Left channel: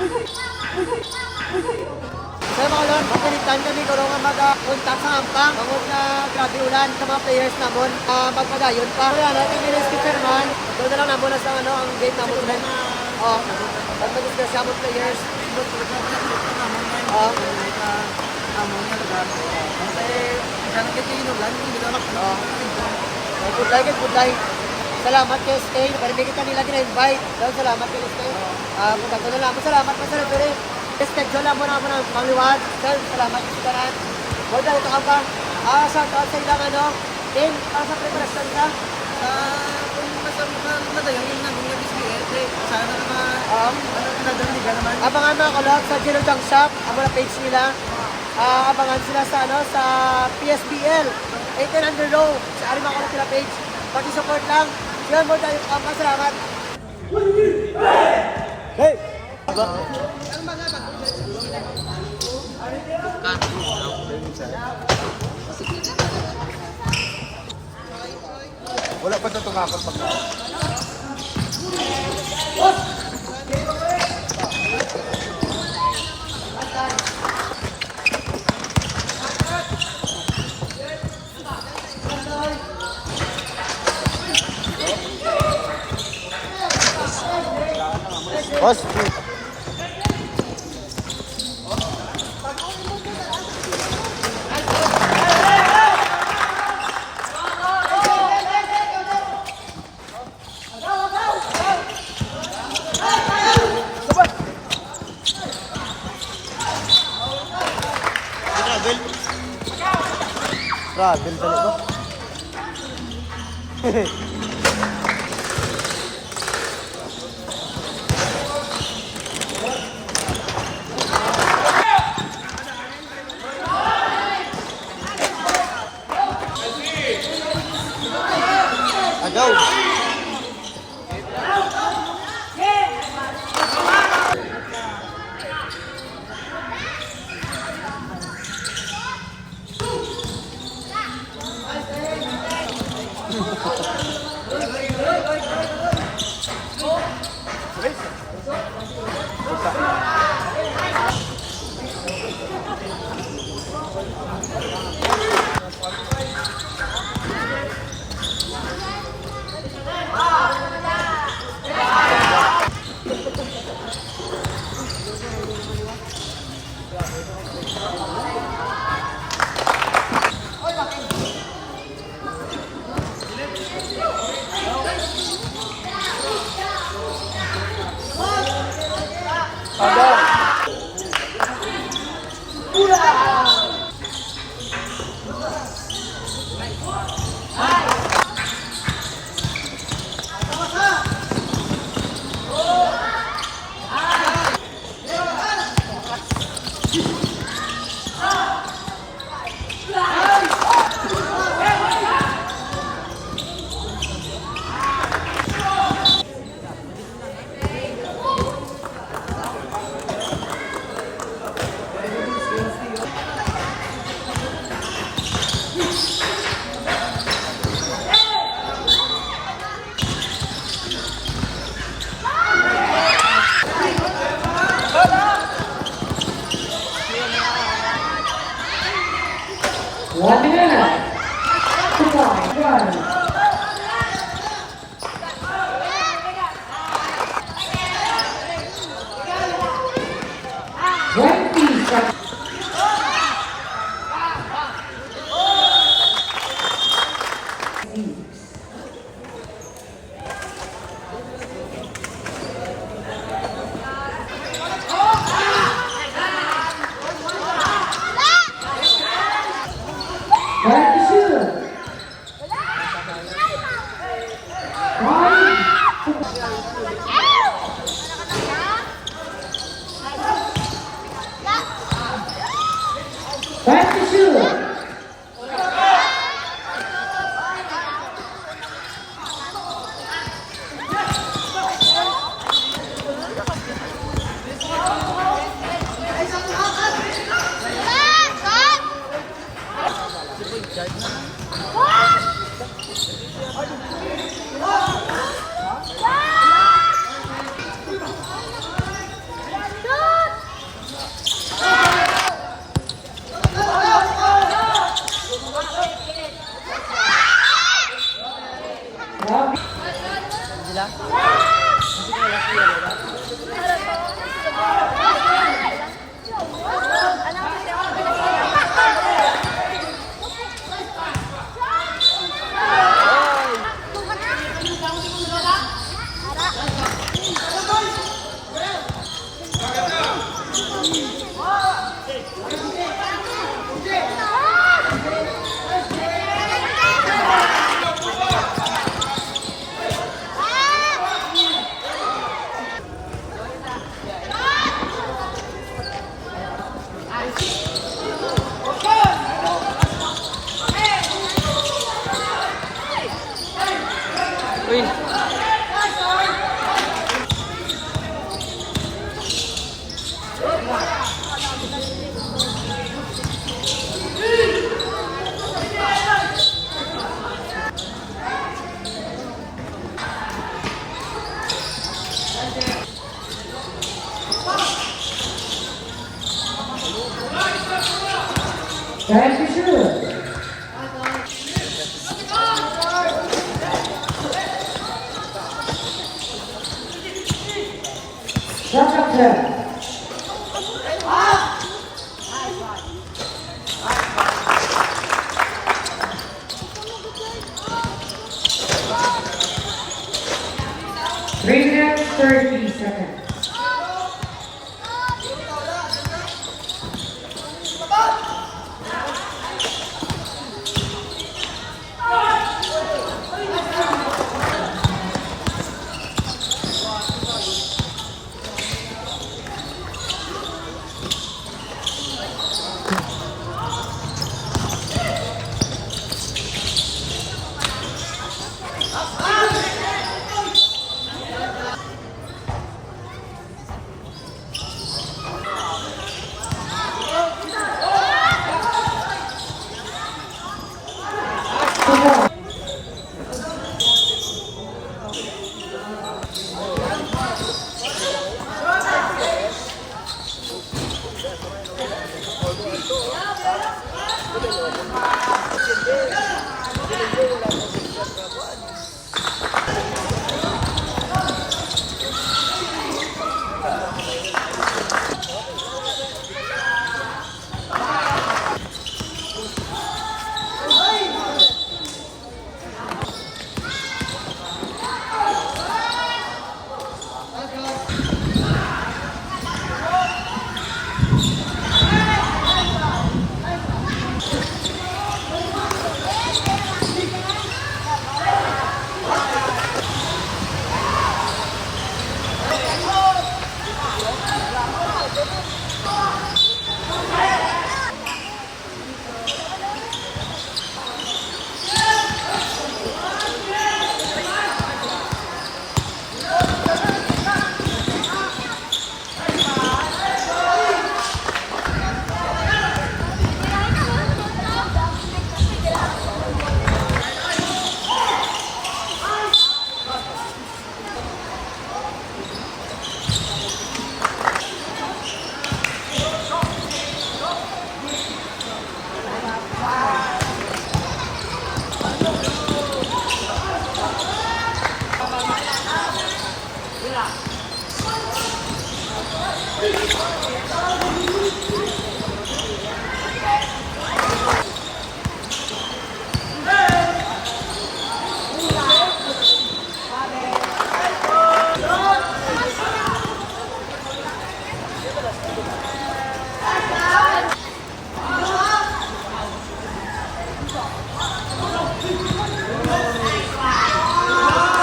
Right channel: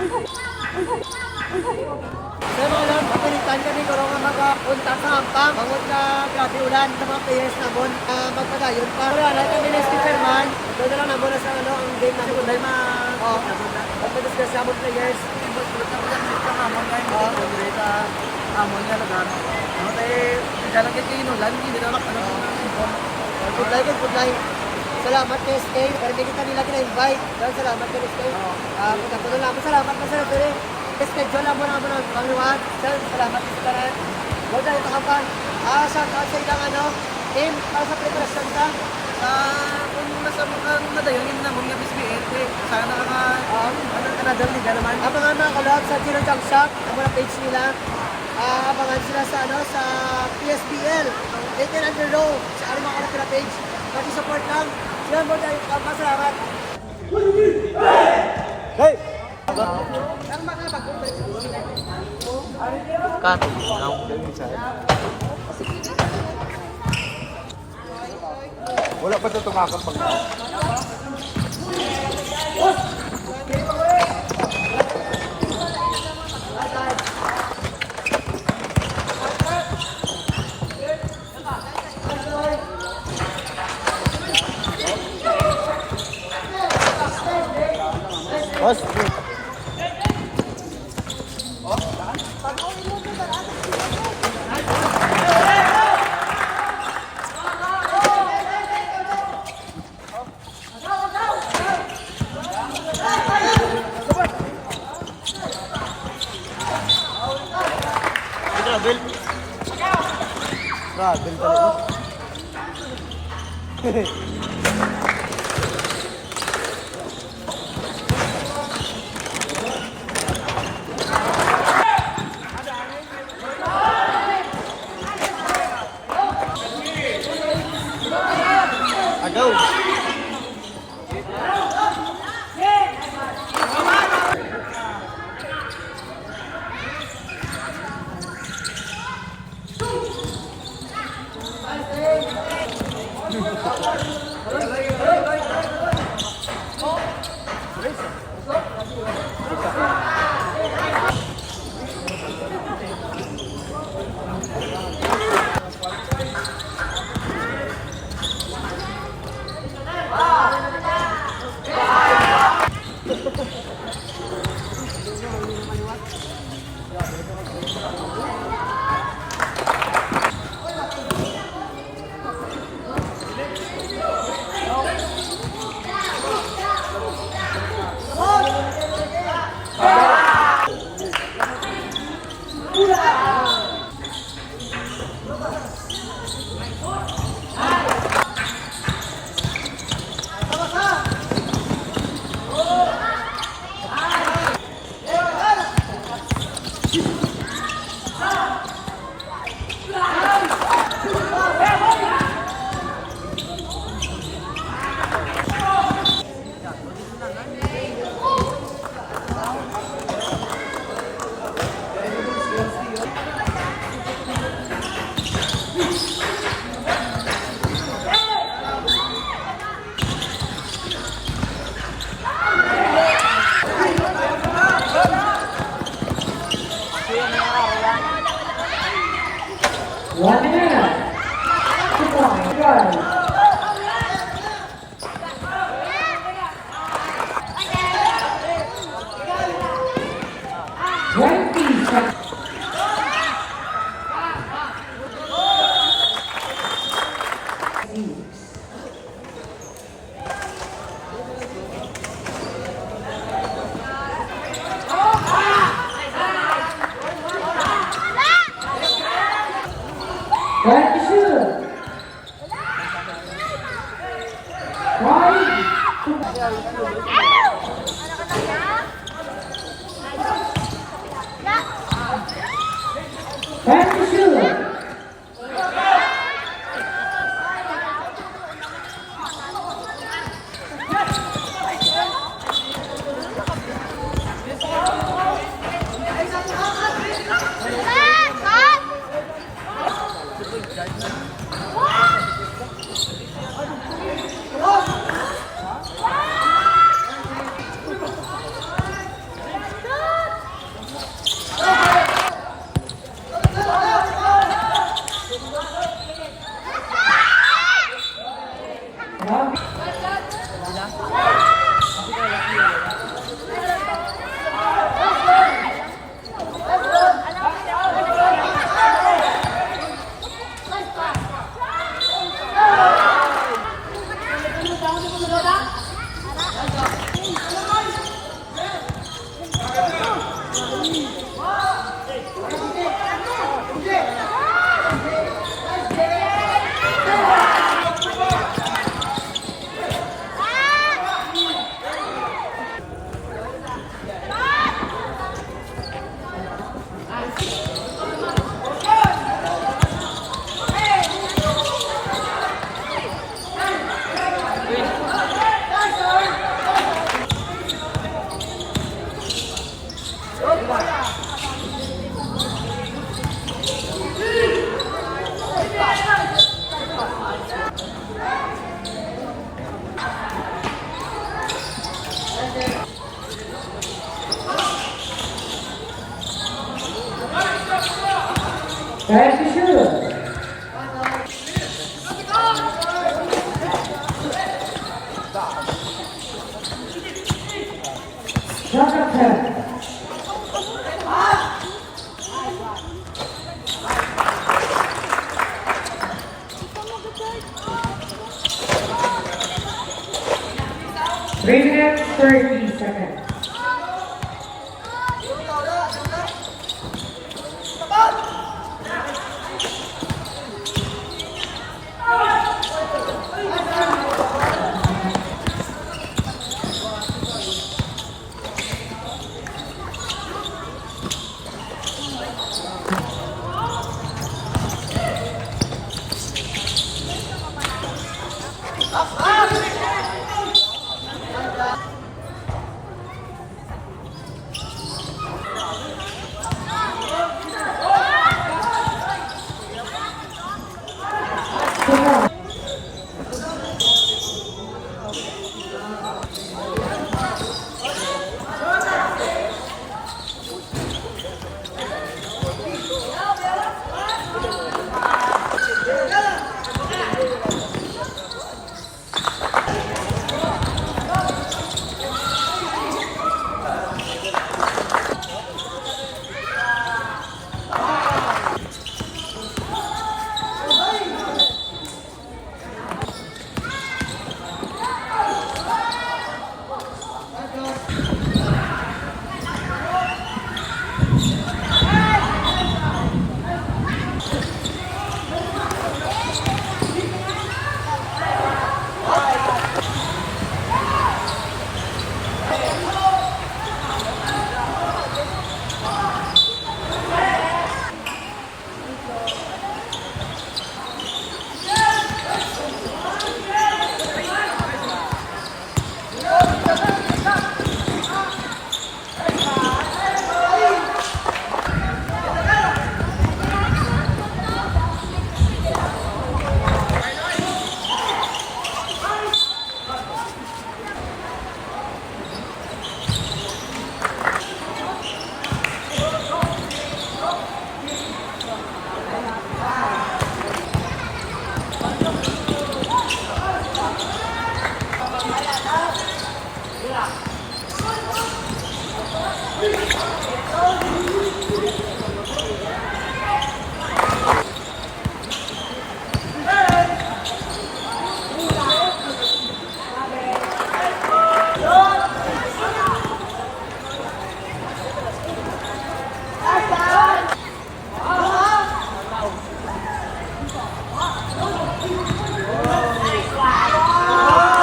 Sir, mga lord, matinitan kami kung nga mag-untak sa hampang. Bangon nga grabe ulan sa mga players namon. Magpadayon pa. Kaya na kami na chairman. Doon na lang namon sa ano, ang game namon. Oo. Pag-discuss sa mga players. Oo. Amon niya taga ano tayo jalan kayo inulan hindi na makano Good luck, good luck. Salamat kay Stay. Parang kita nila kina-invite. Salamat kay Stay. Punta ko na lang. Salamat pa sir. Pero schedule lang mo na ng pangliwag. Sir, salamat sa kanan. Huwag na ito ka pa. Shout out sa ilang ano. Team, para sa preparasyon ka. kung nasa madayon yun na mga BSBL sana ka another liga naman Abangan mga kalog sa Gino Junk Shop. Ang mga page nila. Abangan sila sa ano sa PSBL. 18 under row. Sa ano mga kalog sila page. Pag-support lang. Yun mo dahil ka. Salamat. Hey! Wala pa ito tumakap. Boss. Gravel. Grabe talaga. Agaw. Time to shoot. Shot attempt. Three minutes, 30 seconds.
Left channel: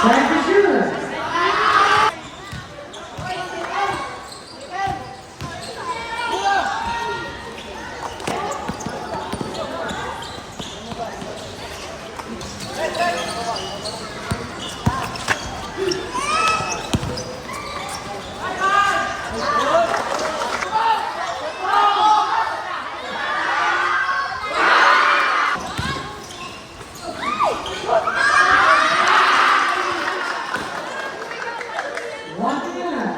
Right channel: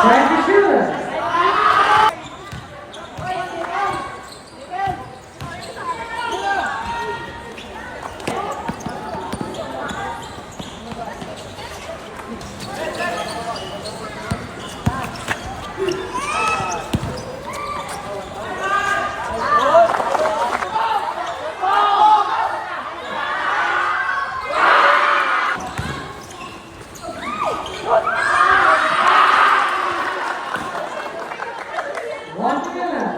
Time to shoot. One minute.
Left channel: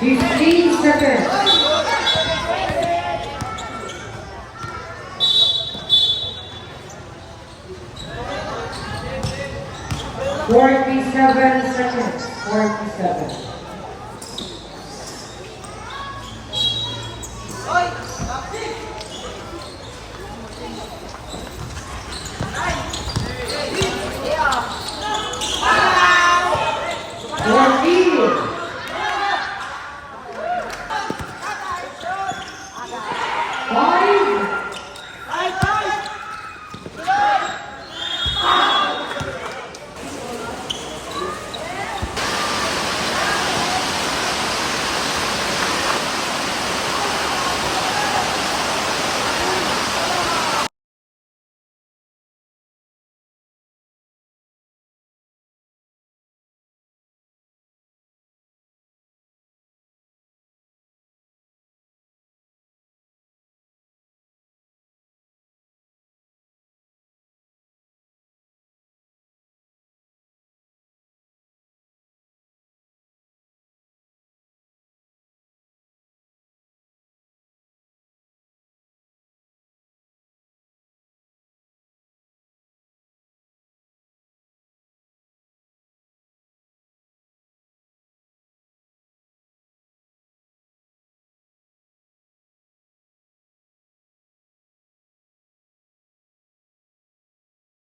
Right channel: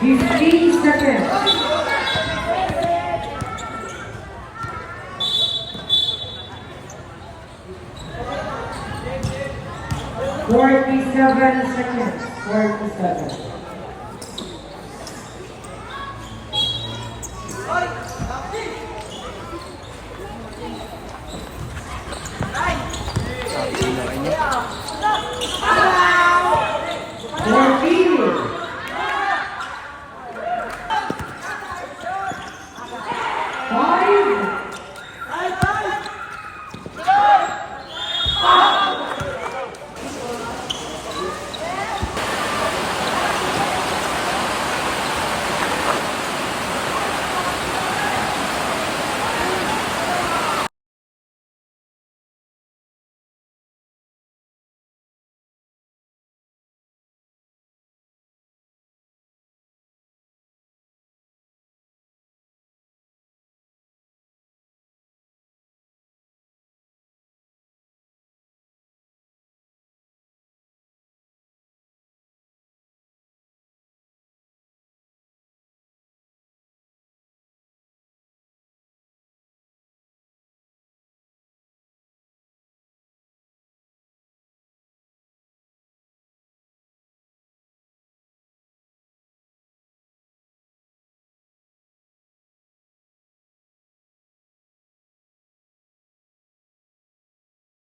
Fifteen seconds. 47 seconds. 47.